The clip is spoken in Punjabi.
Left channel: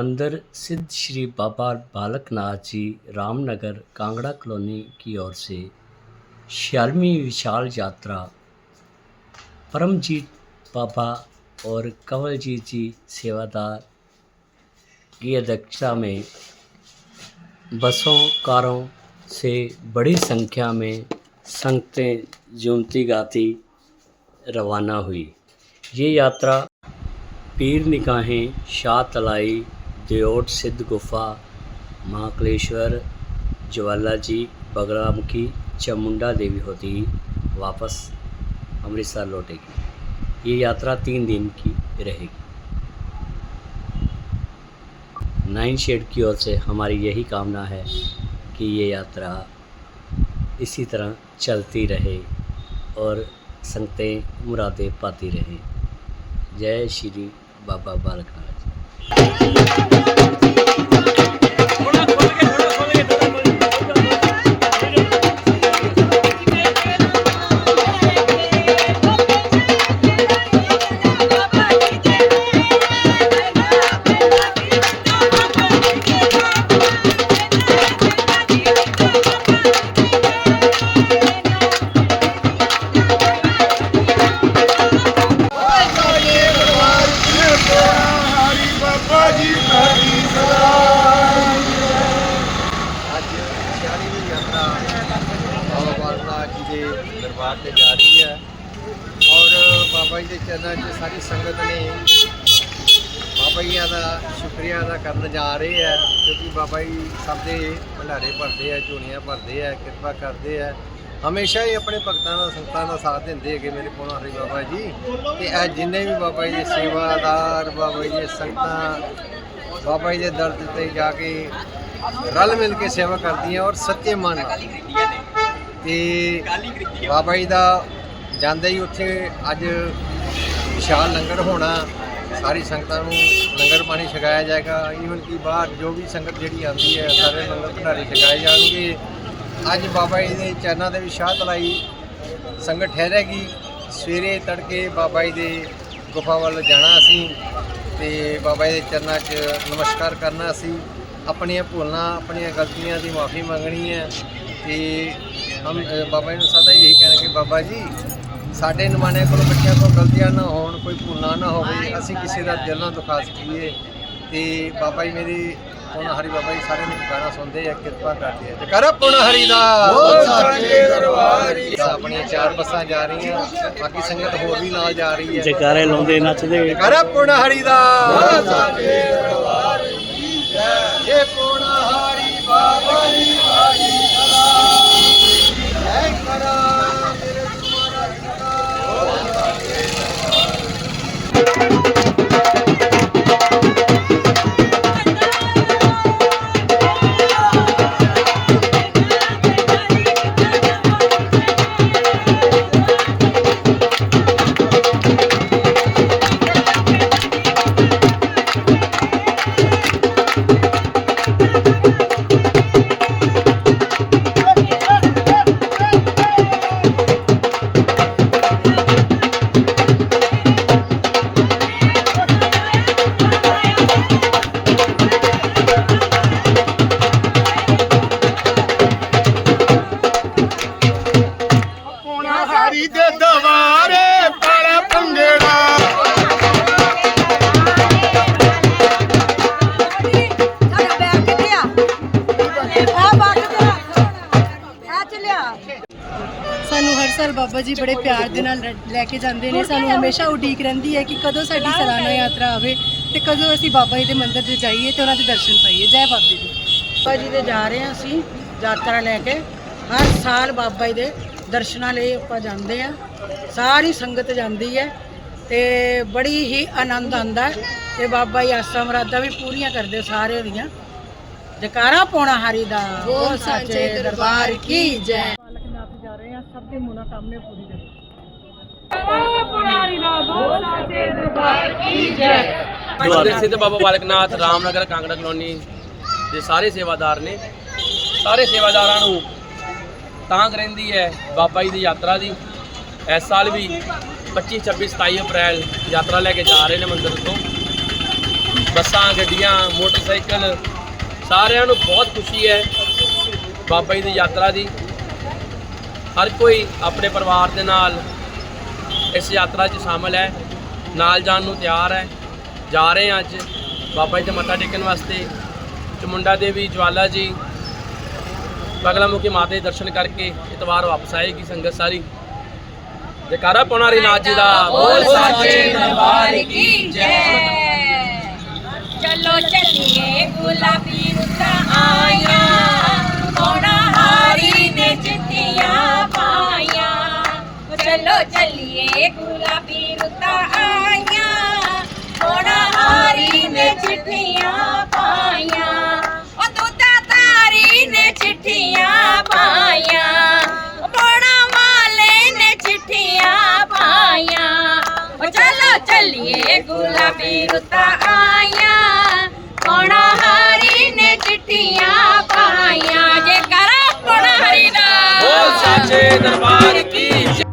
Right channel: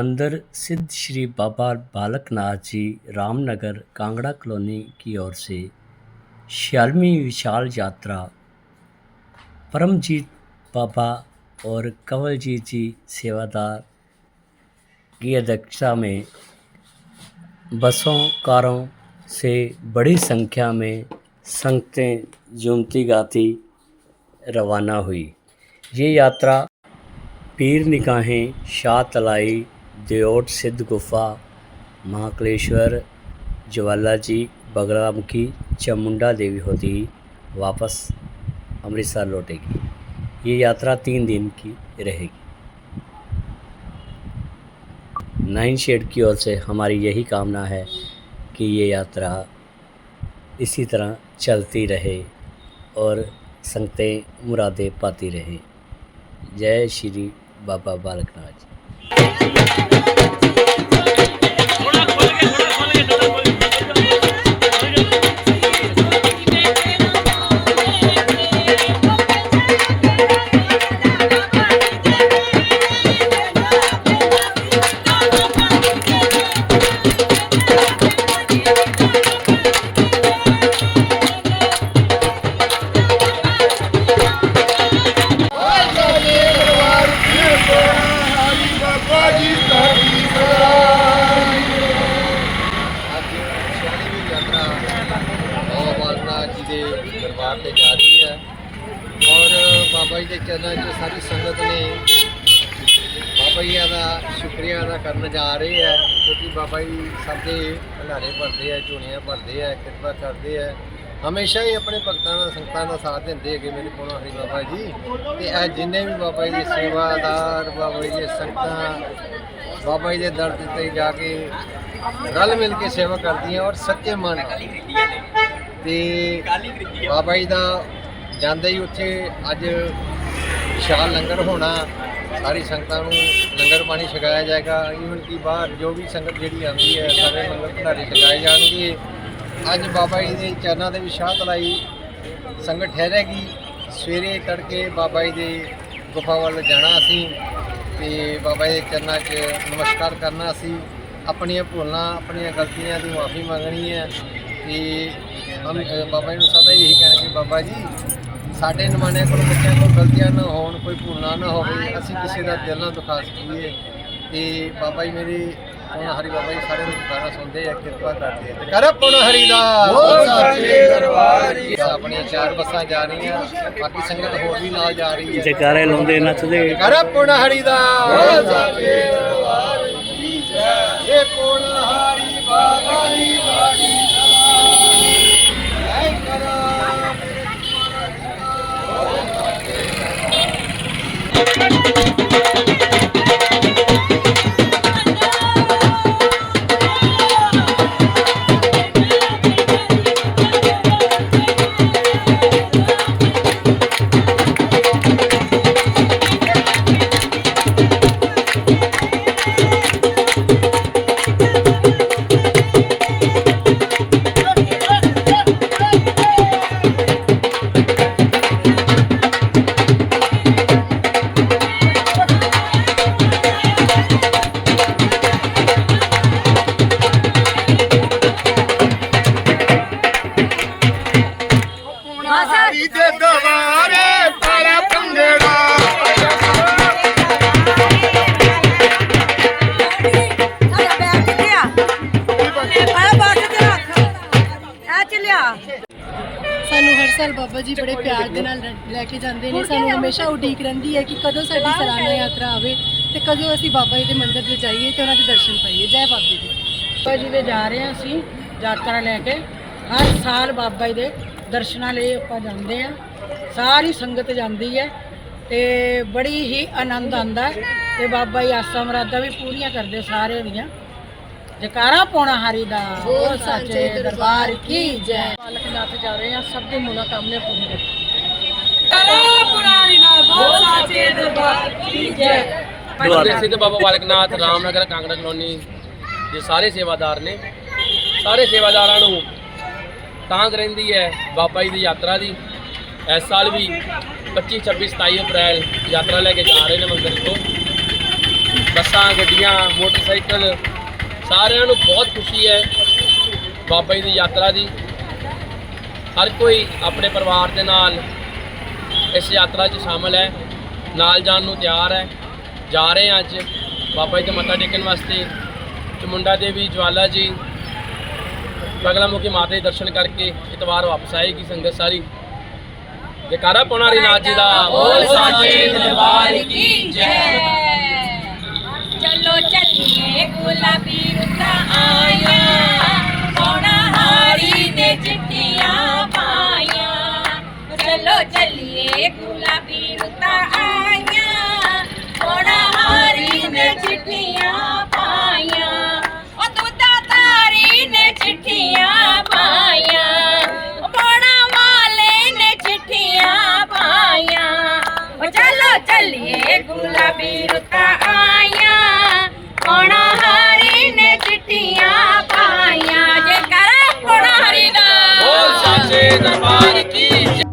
मंदिर सिद्ध श्री बाबा बालकनाथ जी रामनगर कांगड़ा कॉलोनी की ओर से छियालवीं विशाल यात्रा। परमजीत बाबा और कंवलजीत जी सेवादार की अध्यक्षता में बसों, कारों से बड़ी संख्या में संगतें झूमती गाती रवाना हुई। ये यात्रा पीर निगाहें शाह तलाई दियोट सिद्ध गुफा, महाकलेश्वर ज्वाला जी बगलामुखी चामुंडा देवी होती, वापस अमृतसर लौटेगी। ये यात्रा तीन दिन की रहेगी। नाइन शेड की ओर से हमारी यही कामना है कि ये यात्रा इसी तरह चलती रहे और संगतें मुरादें पाती रहें। जय श्री बाबा बालकनाथ Thank you. 46ਵੀਂ ਬਾਬਾ ਬਾਲਕਨਾਥ ਜੀ ਦੇ ਦਰਬਾਰ ਤੇ ਜਾ ਰਹੀ ਹੈ। ਔਰ ਬਾਬਾ ਜੀ ਦੇ ਚਰਨਾਂ 'ਚ ਸਾਰੀ ਸੰਗਤ ਨੇ ਬਾਬਾ ਜੀ ਦਾ ਸ਼ੁਕਰੀਆ ਅਦਾ ਕਰਨ ਜਾ ਰਹੇ ਹੈ, ਕਿਉਂਕਿ ਬਾਬਾ ਜੀ ਸਭ ਦੇ ਭੰਡਾਰੇ ਭਰਦੇ ਆ ਝੋਲੀਆਂ ਭਰਦੇ ਆ ਕਿਰਪਾ ਕਰਦੇ ਆ ਹਮੇਸ਼ਾ ਹੀ ਆਪਣੇ ਭਗਤਾਂ ਦਾ, ਸੰਗਤਾਂ ਦਾ ਸਾਥ ਦਿੰਦੇ ਹੈਗੇ ਮੇਰੇ ਕੋਲ, ਹਰੀ ਬਾਬਾ ਜੀ। ਤੇ ਇਹ ਜਿੰਨੇ ਵੀ ਬਾਬਾ ਜੀ ਦੇ ਸੇਵਾਦਾਰ, ਬਾਬਾ ਜੀ ਦੇ ਸੰਗਤਾਂ, ਬਾਬਾ ਜੀ ਦੇ ਦਰ ਤੇ ਜਾ ਕੇ ਰਲ ਮਿਲ ਕੇ ਸੇਵਾ ਕਰਦੀਆਂ ਔਰ ਸੱਚੇ ਮਨ ਨਾਲ। ਤੇ ਬਾਬਾ ਜੀ ਦਾ ਜਾਂਦੇ ਹੀ ਉੱਥੇ ਅੱਜ ਵਿਸ਼ਾਲ ਲੰਗਰ ਹੋਣਾ, ਸਾਰੀ ਸੰਗਤਾਂ ਨੂੰ ਲੰਗਰ ਪਾਣੀ ਛਕਾਇਆ ਜਾਏਗਾ। ਈਵਨ ਕਿ ਬਾਹਰ ਜੋ ਵੀ ਸੰਗਤ ਜਿਹੜੀ ਆਉਂਦੀ ਹੈ, ਸਾਰੇ ਲੰਗਰ ਭੰਡਾਰੇ ਛਕਾਏ ਜਾਣਗੇ। ਅੱਜ ਬਾਬਾ ਜੀ ਦੇ ਚਰਨਾਂ ਦੇ ਵਿਸ਼ਾਲ ਤਲਾਈ ਸੰਗਤ ਠਹਿਰੇਗੀ। ਸਵੇਰੇ ਤੜਕੇ ਬਾਬਾ ਜੀ ਦੇ ਗੁਫਾ ਵੱਲ ਜਾਣਾ ਅਸੀਂ ਤੇ ਬਾਬਾ ਜੀ ਦੇ ਚਰਨਾਂ 'ਚ ਨਮਸਕਾਰ ਕਰਨਾ ਅਸੀਂ। ਆਪਣੀਆਂ ਭੁੱਲਾਂ ਆਪਣੀਆਂ ਗਲਤੀਆਂ ਦੀ ਮਾਫੀ ਮੰਗਣੀ ਹੈ ਤੇ ਹਮ ਬਾਬਾ ਜੀ ਨੂੰ ਸਦਾ ਇਹੀ ਕਹਿਣਾ ਕਿ ਬਾਬਾ ਜੀ ਸਾਡੇ ਨਿਮਾਣਿਆਂ ਕੋਲ ਬੱਚਿਆਂ ਕੋਲ ਗਲਤੀਆਂ ਨਾ ਹੋਣ ਕੋਈ ਭੁੱਲਾਂ ਨਾ ਹੋਵੇ ਅਸੀਂ ਕਿਸੇ ਦਾ ਦਿਲ ਨਾ ਦੁਖਾ ਸਕੀਏ। ਤੇ ਬਾਬਾ ਜੀ ਮੇਰੇ ਹੁਣ ਹਰੀ ਬਾਬਾ ਜੀ ਸਾਰਿਆਂ ਨੂੰ ਗਾਣਾ ਸੁਣਦੇ ਆ ਕਿਰਪਾ ਕਰਦੇ ਆ। ਤੇ ਕਰ ਪੁਣ ਹਰੀ ਦਾ। ਆਪਣੀਆਂ ਚਾਰ ਬੱਸਾਂ ਜਾ ਰਹੀਆਂ ਬਾਕੀ ਸੰਗਤ ਹੋਰ ਵੀ ਨਾਲ ਜਾ ਰਹੀ ਹੈ। ਜੈਕਾਰੇ ਲਾਉਂਦੇ ਨੱਚਦੇ। ਕਰ ਪੁਣ ਹਰੀ ਦਾ। ਜੈ ਇਹ ਪੁਣ ਹਰੀ ਬਾਬਾ ਜੀ ਵਾਲੀ ਜੈ ਕਰਾ ਮੇਰੇ ਤੁਮਾਰਾ ਹਰੀ ਬਾਬਾ ਜੀ ਬੜੇ ਪਿਆਰ ਦੇ ਨਾਲ ਲੈ ਕੇ ਜਾਂਦੇ ਨੇ। ਸਾਨੂੰ ਹਮੇਸ਼ਾ ਉਡੀਕ ਰਹਿੰਦੀ ਹੈ ਕਿ ਕਦੋਂ ਸਾਡੀ ਸਾਲਾਨਾ ਯਾਤਰਾ ਆਵੇ ਤੇ ਕਦੋਂ ਅਸੀਂ ਬਾਬਾ ਜੀ ਦੇ ਮੰਦਿਰ 'ਚ ਜਾਈਏ ਤੇ ਉਹਨਾਂ ਦੇ ਦਰਸ਼ਨ ਪਾਈਏ। ਜੈ ਬਾਬਾ ਜੀ ਬਾਬਾ ਜੀ ਦੇ ਜਾ ਰਹੇ ਹਾਂ ਅਸੀਂ ਯਾਤਰਾ ਲੈ ਕੇ। ਹਰ ਸਾਲ ਬਾਬਾ ਜੀ ਦੇ ਦਰਸ਼ਨਾਂ ਲਈ ਆਪਾਂ ਜਾਂਦੇ ਆ ਸਾਰੀ ਸੰਗਤ ਜਾਂਦੀ ਹੈ ਤੇ ਬੜੀ ਹੀ ਆਨੰਦ ਆਉਂਦਾ ਹੈ। ਤੇ ਬਾਬਾ ਜੀ ਆਸਾਂ ਮੁਰਾਦਾਂ ਵੀ ਪੂਰੀਆਂ ਕਰਦੇ ਸਾਰੇ ਦੀਆਂ। ਜਕਾਰਾ ਪਾਉਣਾ ਹਰੀ ਦਾ। ਬੋਲ ਸੱਚੇ ਦਰਬਾਰ ਕੀ ਜੈ। ਬਾਲਕਨਾਥ ਜਾ ਰਹੇ ਹਾਂ ਸਭ ਦੀ ਮਨੋਕਾਮਨਾ ਪੂਰੀ ਕਰੇ ਮੰਦਿਰ ਸਿੱਧ ਬਾਬਾ ਬਾਲਕਨਾਥ ਰਾਮਨਗਰ ਕਾਂਗੜਾ ਕਲੋਨੀ ਦੇ ਸਾਰੇ ਸੇਵਾਦਾਰ ਨੇ। ਸਾਰੇ ਸੇਵਾਦਾਰਾਂ ਨੂੰ ਤਾਂਗ ਰਹਿੰਦੀ ਹੈ ਬਾਬਾ ਜੀ ਦੀ ਯਾਤਰਾ ਦੀ। ਇਸ ਸਾਲ ਵੀ 25 26 27 ਅਪ੍ਰੈਲ ਯਾਤਰਾ ਲੈ ਕੇ ਜਾ ਰਹੇ ਨੇ ਮੰਦਿਰ ਤੋਂ। ਬੱਸਾਂ ਗੱਡੀਆਂ ਮੋਟਰਸਾਈਕਲ ਸਾਰਿਆਂ ਨੂੰ ਬਹੁਤ ਖੁਸ਼ੀ ਹੈ ਬਾਬਾ ਜੀ ਦੀ ਯਾਤਰਾ ਦੀ। ਹਰ ਕੋਈ ਆਪਣੇ ਪਰਿਵਾਰ ਦੇ ਨਾਲ ਇਸ ਯਾਤਰਾ 'ਚ ਸ਼ਾਮਲ ਹੈ। ਨਾਲ ਜਾਣ ਨੂੰ ਤਿਆਰ ਹੈ। ਜਾ ਰਹੇ ਹਾਂ ਅੱਜ ਬਾਬਾ ਜੀ ਦੇ ਮੱਥਾ ਟੇਕਣ ਵਾਸਤੇ। ਚਮੁੰਡਾ ਦੇਵੀ, ਜਵਾਲਾ ਜੀ, ਬਗਲਾਮੁਖੀ ਮਾਤਾ ਦੇ ਦਰਸ਼ਨ ਕਰਕੇ ਇਤਵਾਰ ਵਾਪਸ ਆਏਗੀ ਸੰਗਤ ਸਾਰੀ। ਜਕਾਰਾ ਪਾਉਣਾ ਨਾਥ ਜੀ ਦਾ ਬੋਲ ਸਾਚੇ ਦਰਬਾਰ ਕੀ ਜੈ। ਚਲੋ ਚੱਲੀਏ ਗੁਲਾਬੀ ਆਇਆ ਕੋਣਾ ਹਾਰੀ ਨੇ ਚਿੱਟੀਆਂ ਪਾਈਆਂ। ਚਲੋ ਚੱਲੀਏ, ਗੁਲਾਬੀ ਰੁੱਤਾਂ ਆਈਆਂ। ਕੋਣਾ ਹਾਰੀ ਨੇ ਚਿੱਠੀਆਂ ਪਾਈਆਂ। ਉਹ ਦੁੱਧਾ ਤਾਰੀ ਨੇ ਚਿੱਠੀਆਂ ਪਾਈਆਂ। ਉਹ ਬੋਣਾ ਵਾਲੇ ਨੇ ਚਿੱਠੀਆਂ ਪਾਈਆਂ। ਉਹ ਚਲੋ ਚੱਲੀਏ, ਗੁਲਾਬੀ ਰੁੱਤਾਂ ਆਈਆਂ। ਪਾਈਆਂ ਜੇ